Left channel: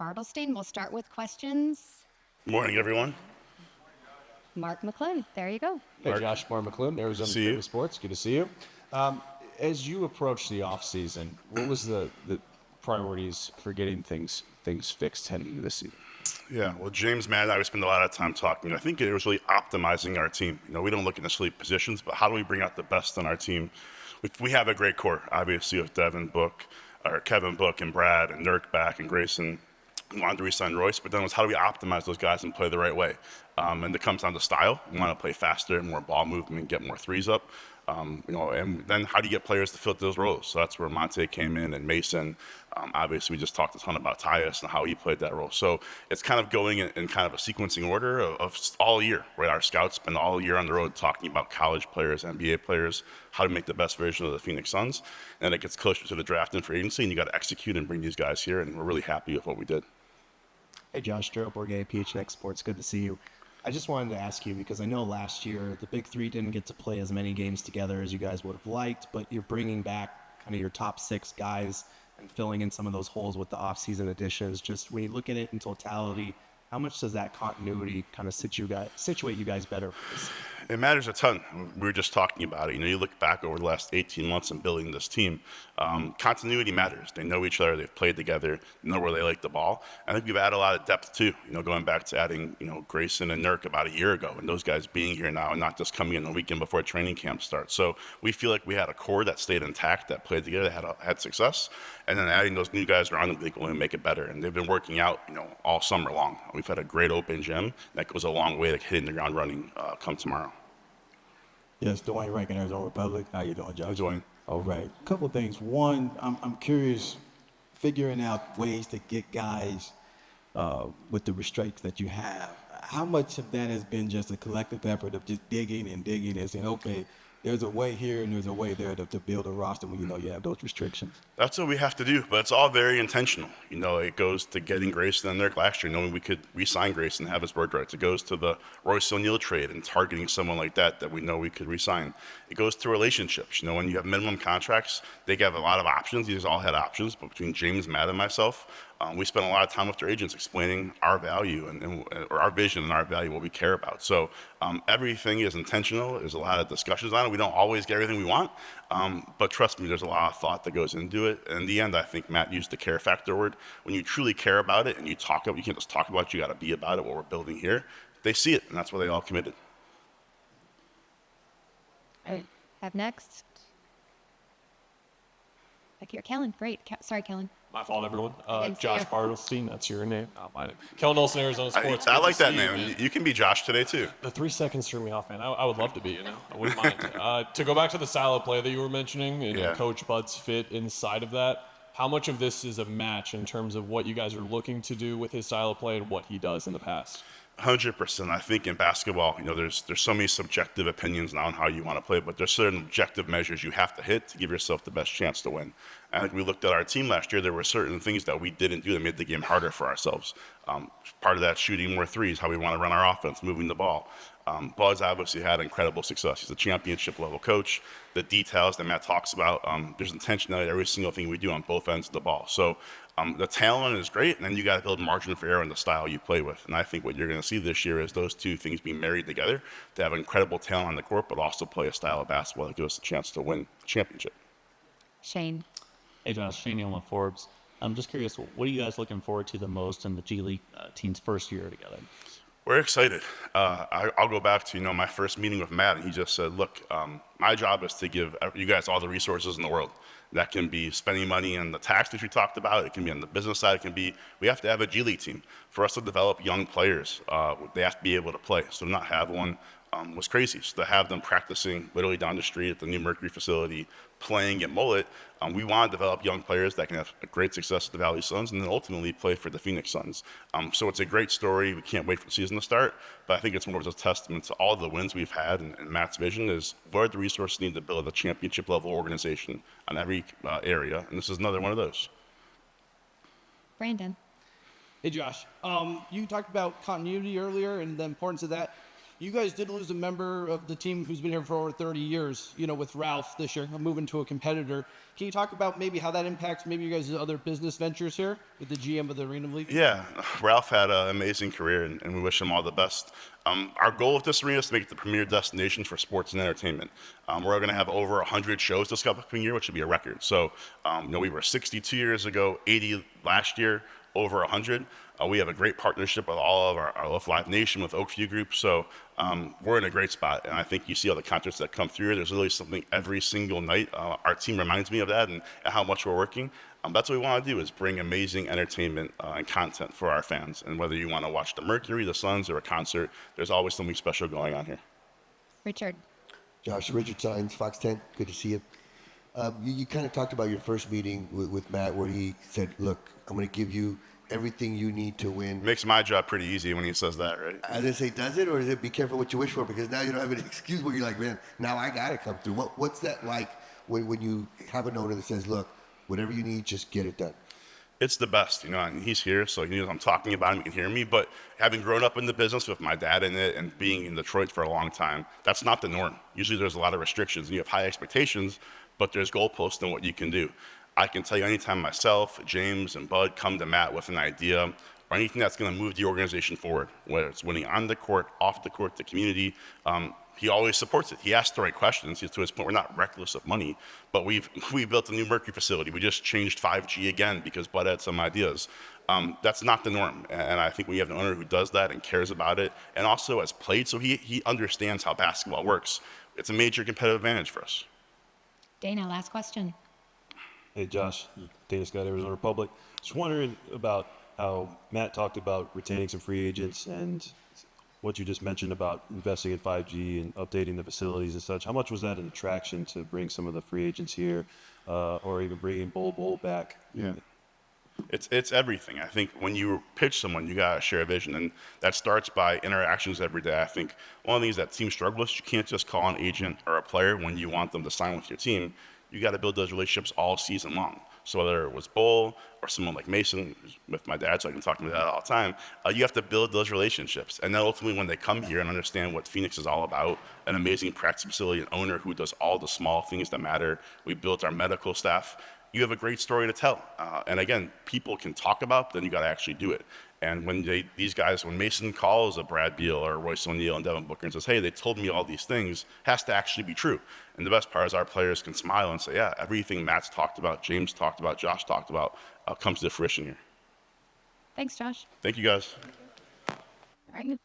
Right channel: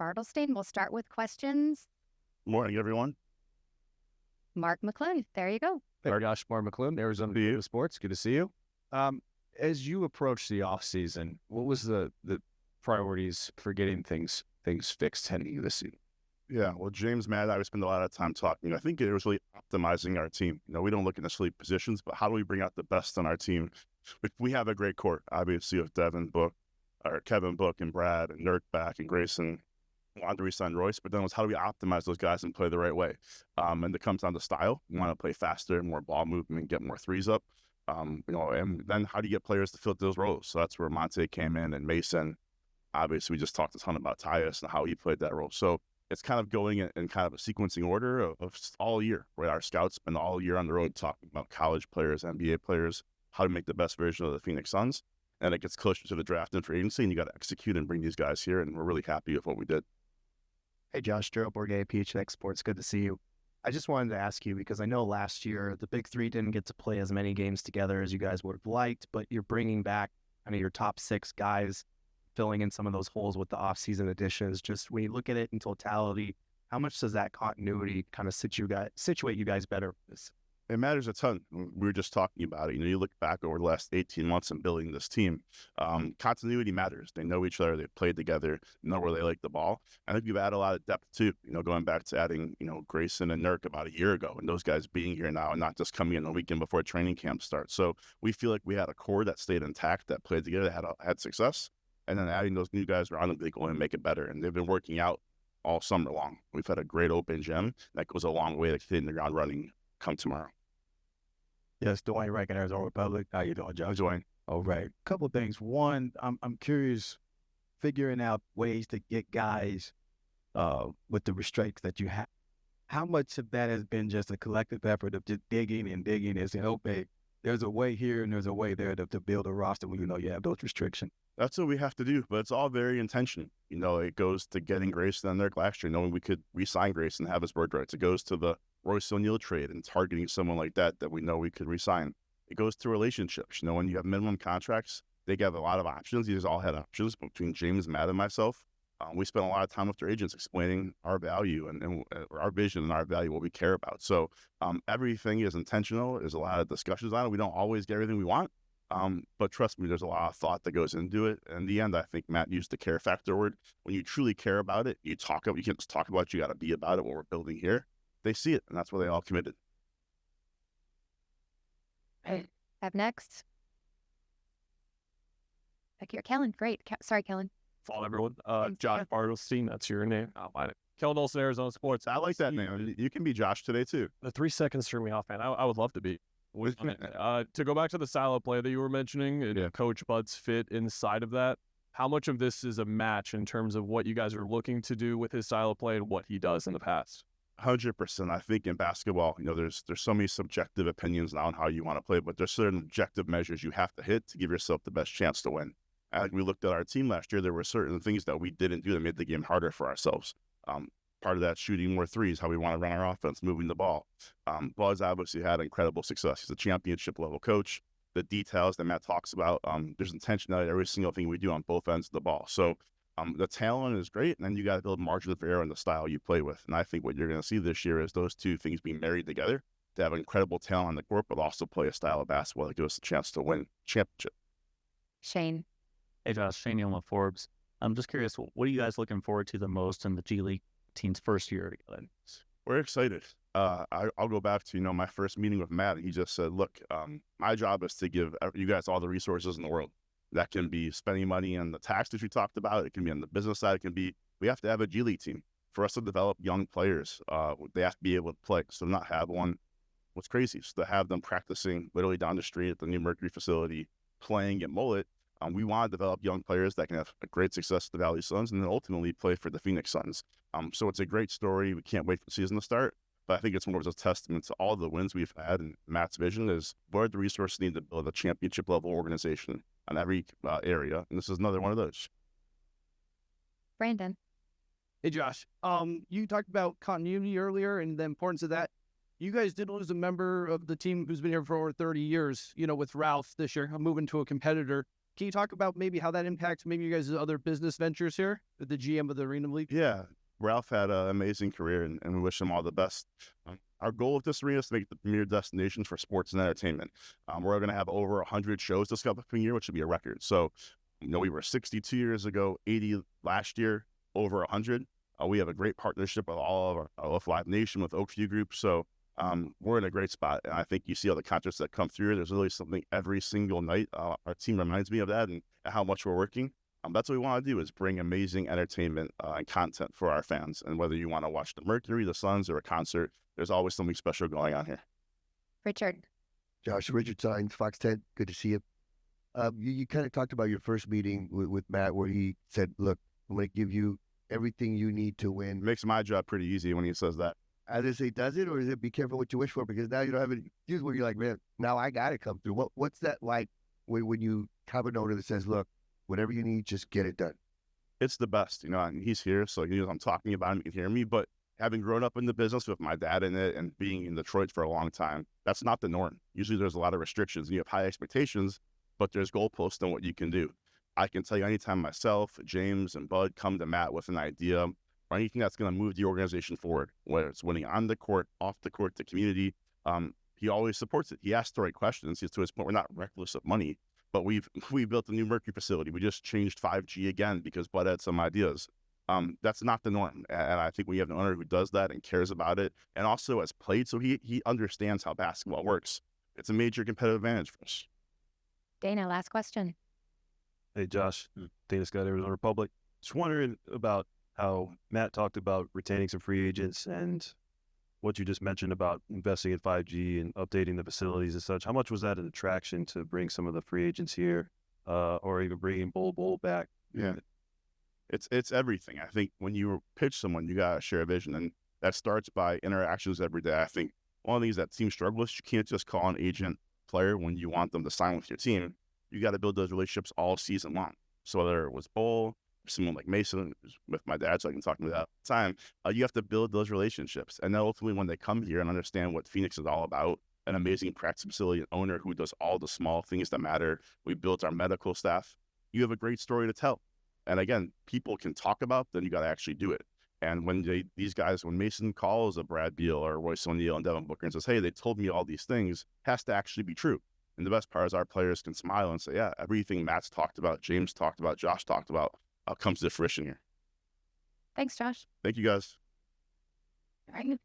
Bartelstein. We'll start with questions. Morning, everyone. Mark McClellan, there you go. Hey, Josh McClellan, Arizona See you. Daily Sports. Good to see you. As you approach the offseason, what was the priorities for getting things fixed heading into this season? Yeah, well, James, Matt, and I spend a lot of time talking. I think it was really optimizing our team. We don't look at necessarily positions, but how do we bring out the best on our team? We have a great core, obviously, with Devin Book, or Kevin Book, and Brad, and Nurk back, and Grayson. We wanted to re-sign Royce, but then it was how do we optimize those guys and play the right way? And it comes down to style. We want to play faster, more ball movement, get more threes up. And then how do you get players to fill those roles? So that's where Monte came in, and Mason. Obviously, we just talked a ton about Tyus and how he played that role. So it's kind of going in kind of a sequencing order of all year, right? Our scouts spend all year on the road talking about college players, NBA players, how to make the best version of the Phoenix Suns. And it gets closer to the draft and free agency, and you got to execute and bring these guys here. And we're really happy with what we did. Hey, Josh, Gerald Bourget, PHNX Sports. Good to see you. I just wanted to ask you, because I know last year the Big Three didn't get to play as many games together as you guys would have liked, but you're bringing back kind of your top six guys and filling in some of those holes with the offseason additions. Just when you look at it in totality, how much does that continuity kind of situate you guys better for this? It matters a ton. We were just talking about it. You look back over the last 18 months in building this team. Continuity matters. They know each other. They've played together. Know where they like the ball. I think we've added a lot of depth too. Going back to adding, Grayson and Nurk about a year ago, and those guys being here now and not just coming in the weekend before training camp starts. So we feel like we had a core that stayed intact, that played together, that had success, and then adding those new guys around them, they can only make it better. And they've been working out, all summer long. We've had a great open gym that goes a long way to hitting the ground running come tomorrow. Yes, Dwayne Rankin, Arizona Republic. How you doing, Josh? Dwayne. All right. A couple of things. One, I'm curious, figuring out ways to get guys with the restraints that you have. How much of that has been just a collective effort of just digging and saying, okay, there's a way here and there's a way there to build a roster when you have those restrictions? That's what we have to do, but it's all very intentional. It goes to getting Grayson and Nurk last year, knowing we could re-sign Grayson and have his bird rights. It goes to the Royce O'Neal trade and targeting someone like that we know we could re-sign. It goes to relationships. When you have minimum contracts, they have a lot of options. These all had options, but between James, Matt, and myself, we spent a lot of time with their agents explaining our value or our vision and our value, what we care about. So everything is intentional. There's a lot of discussions on it. We don't always get everything we want, but trust me, there's a lot of thought that goes into it. And in the end, I think Matt used the care factor word. When you truly care about it and you can't just talk about it, you got to be about it, what we're building here. They see it, and that's why they all committed. Up next. Back here, Kellen. Great. Sorry, Kellen. My fault, everyone. Thanks, Josh Dave. Bartelstein, that's your name. Not mine. Kellen Olsen, Arizona Sports. I like that Good to see name. you. You can be Josh today, too. The 3 seconds threw me off, man. I would love to be, I wouldn't mind. To go back to the style of play that you were mentioning and Yeah. Coach Bud's fit inside of that, how much of this is a match in terms of what you guys are looking to do with his style of play and what he does in the past? 100%. I think in basketball, there's so many subjective opinions now on how you want to play, but there's certain objective measures you have to hit to give yourself the best chance to win. I think we looked at our team last year. There were certain things that we didn't do that made the game harder for ourselves. Part of that, shooting more threes, how we want to run our offense, moving the ball. Bud's obviously had incredible success. He's a championship level coach. The details that Matt talks about, there's intentionality in every single thing we do on both ends of the ball. So the talent is great, and then you got to build margin for error in the style you play with. And I think what you're going to see this year is those two things being married together to have incredible talent on the court, but also play a style of basketball that gives us a chance to win a championship. Shane. Hey Josh, Shane Neal with Forbes. I'm just curious, what are you guys looking forward to the most in the G League team's first year together? We're excited. I'll go back to my first meeting with Matt, and he just said, "Look, my job is to give you guys all the resources in the world. That can be spending money on the tax that we talked about. It can be on the business side. It can be we have to have a G League team for us to develop young players. They have to be able to play. So to not have one was crazy. So to have them practicing literally down the street at the new Mercury facility, playing at Mullet, we want to develop young players that can have a great success at the Valley Suns and then ultimately play for the Phoenix Suns. So it's a great story. We can't wait for the season to start, but I think it's more of a testament to all the wins we've had and Matt's vision is what are the resources needed to build a championship level organization on every area, and this is another one of those. Brandon. Hey, Josh. You talked about continuity earlier and the importance of that. You guys did lose a member of the team who's been here for over 30 years, with Ralph this year, moving to a competitor. Can you talk about maybe how that impacts maybe you guys' other business ventures here with the GM of the Arena League? Yeah, Ralph had an amazing career, and we wish him all the best. Our goal with this arena is to make it the premier destination for sports and entertainment. We're going to have over 100 shows this upcoming year, which would be a record. So, we were 62 years ago, 80 last year, over 100. We have a great partnership with all of our Live Nation, with Oakview Group. So we're in a great spot. And I think you see all the concerts that come through. There's literally something every single night. Our team reminds me of that and how much we're working. That's what we want to do, is bring amazing entertainment and content for our fans. And whether you want to watch the Mercury, the Suns, or a concert, there's always something special going on here. Richard. Josh, Richard Sines, Fox 10. Good to see you. You kind of talked about your first meeting with Matt, where he said, look, I'm going to give you everything you need to win. Makes my job pretty easy when he says that, right? I didn't say, does it, or is it be careful what you wish for? Because now you don't have an excuse where you're like, man, now I got to come through. What's that like when you have an owner that says, look, whatever you need, just get it done? It's the best, and he's here, so I'm talking about him, he can hear me. But having grown up in the business with my dad in it and being in Detroit for a long time, that's not the norm. Usually there's a lot of restrictions, and you have high expectations, but there's goalposts on what you can do. I can tell you anytime myself, James, and Bud come to Matt with an idea or anything that's going to move the organization forward, whether it's winning on the court, off the court, the community, he always supports it. He asks the right questions. To his point, we're not reckless of money, but we built a new Mercury facility. We just changed 5G again because Bud had some ideas. That's not the norm, and I think we have an owner who does that and cares about it, and also has played, so he understands how basketball works. It's a major competitive advantage for us. Dana, last question. Hey, Josh, Dana Scott, Arizona Republic. Just wondering about how Matt talked about retaining some free agents and what you just mentioned about investing in 5G and updating the facilities and such. How much was that an attraction to bring some of the free agents here, or even bringing Bol back? Yeah. It's everything. I think when you pitch someone, you got to share a vision, and that starts by interactions every day. I think one of the things that teams struggle with, you can't just call an agent or a player when you want them to sign with your team. You got to build those relationships all season long. So whether it was Bull or someone like Mason, who's with my dad, so I can talk to him about that all the time, you have to build those relationships. And then ultimately when they come here and understand what Phoenix is all about, an amazing practice facility, an owner who does all the small things that matter, we built our medical staff, you have a great story to tell. And again, people can talk about, then you got to actually do it. And when when Mason calls a Brad Beal or Royce O'Neal and Devin Booker and says, hey, they told me all these things, has to actually be true. And the best part is our players can smile and say, yeah, everything Matt's talked about, James talked about, Josh talked about, comes to fruition here. Thanks, Josh. Thank you, guys. All right.